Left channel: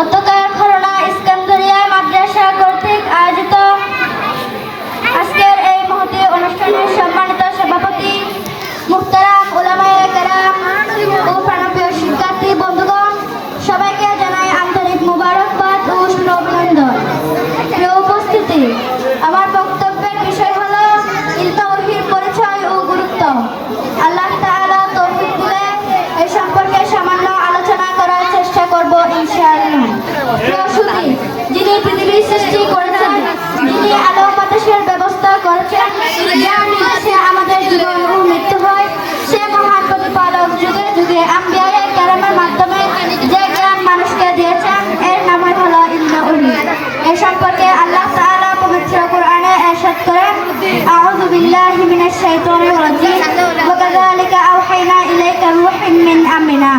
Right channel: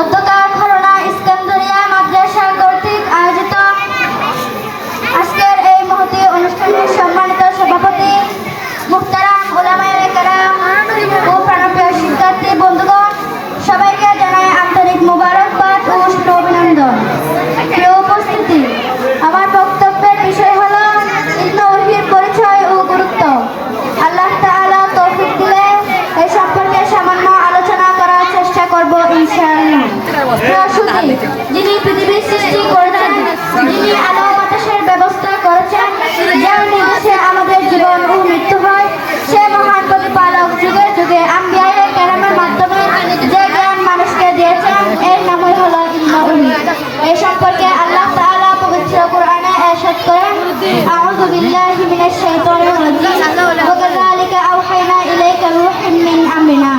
অধ্যকার খরনা ইস্কান্দরিয়া মাদ্রাসা কর্তৃক আয়োজিত আজকের এই মহতী অনুষ্ঠানের সম্মানিত সভাপতি মুহতারাম উলামায়ে কেরাম ও প্রাণপ্রিয় শিক্ষার্থী বন্ধুগণ, সবাইকে জানাই আন্তরিক মোবারকবাদ ও শুভ-অভিনন্দন। প্রিয় উপস্থিতি, আমার বক্তব্যের বিষয় হলো ইলমে ওহীর পরিচয় ও গুরুত্ব। আল্লাহ তাআলা তৌফিক দিলে এই সম্পর্কে সামান্য আলোচনা করার চেষ্টা করব ইনশাআল্লাহ। রাসূলি, যিনি পৃথিবীর সৃষ্টি করেছেন, যিনি আলো বাতাসের ব্যবস্থা করেছেন, যার নির্দেশে আমাদের জীবন ও মৃত্যু হয়, সে মহান প্রতিপালক যুগে যুগে আম্বিয়ায়ে কেরামের মাধ্যমে যে জ্ঞান মানুষকে দিয়েছেন, এর নামই হলো ইলমে ওহী। এই সম্পর্কে আল্লাহ তাআলা পবিত্র কোরআনে ইরশাদ করেন, আউযু বিল্লাহি মিনাশ শাইতানির রাজীম, ওয়া কাযালিকা আওহাইনা ইলাইকা রূহান মিন আমরিনা।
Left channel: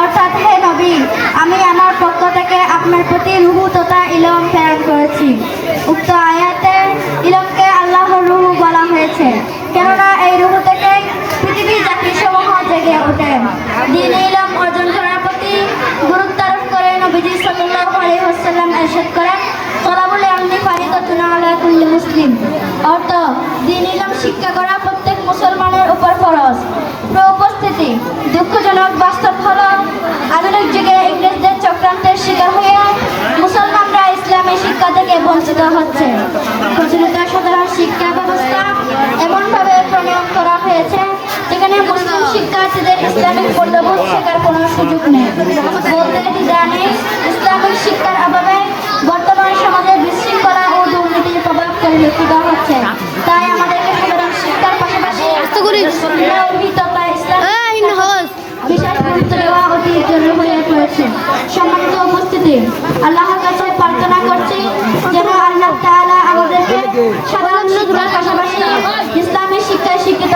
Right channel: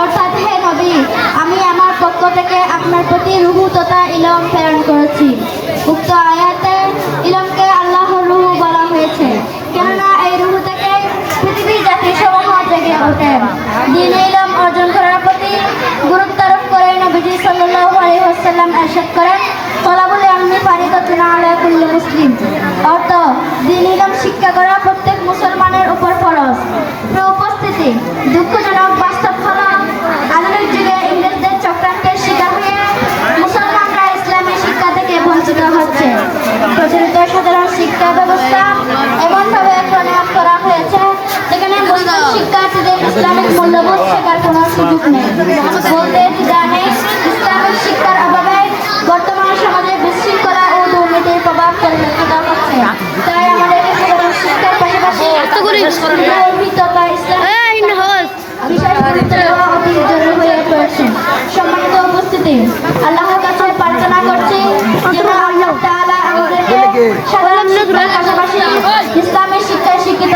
অর্থাৎ, হে নবী, আমি আমার পক্ষ থেকে আপনার প্রতি রূহ তথা ইলম প্রেরণ করেছি। উক্ত আয়াতে ইলমকে আল্লাহর রূহ বলা হয়েছে, কেননা এই রূহ থেকে পৃথিবীর জাতিসমূহ জেগে ওঠে। দ্বীনে ইলম অর্জন করার প্রতি গুরুত্ব আরোপ করে নবীজি সাল্লাল্লাহু আলাইহি ওয়াসাল্লাম ইরশাদ করেন, তালাবুল ইলমি ফারিদাতুন আলা কুল্লি মুসলিম। অর্থ, দ্বীনে ইলম শিক্ষা করা প্রত্যেক মুসলমানের উপর ফরজ। উপস্থিতি, দুঃখজনক বাস্তব হলো আধুনিক যুগে ইংরেজদের চক্রান্তের শিকার হয়ে মুসলমানরা ইসলামী শিক্ষা থেকে বঞ্চিত হচ্ছে। প্রচলিত সাধারণ শিক্ষা ব্যবস্থা এমনভাবে প্রণয়ন করা হয়েছে যেখানে মুসলিম শিক্ষার্থীদের ইসলামিক মূল্যবোধ শেখার কোনো সুযোগ নেই। বলতে জানে, ইসলামিক শিক্ষার অভাবে বর্তমান সমাজে বিশৃঙ্খলা ও দুর্নীতির প্রভাব পরিলক্ষিত হচ্ছে। তাই আমাদের সাধারণ শিক্ষার পাশাপাশি বিশেষ গুরুত্ব দেওয়া অতি জরুরি হয়ে পড়েছে। সম্মানিত উপস্থিতি, আল্লাহর কাছে প্রার্থনা করছি যেন আল্লাহ তাআলা আমাদেরকে সাধারণ শিক্ষার পাশাপাশি ইসলামের শিক্ষায় শিক্ষিত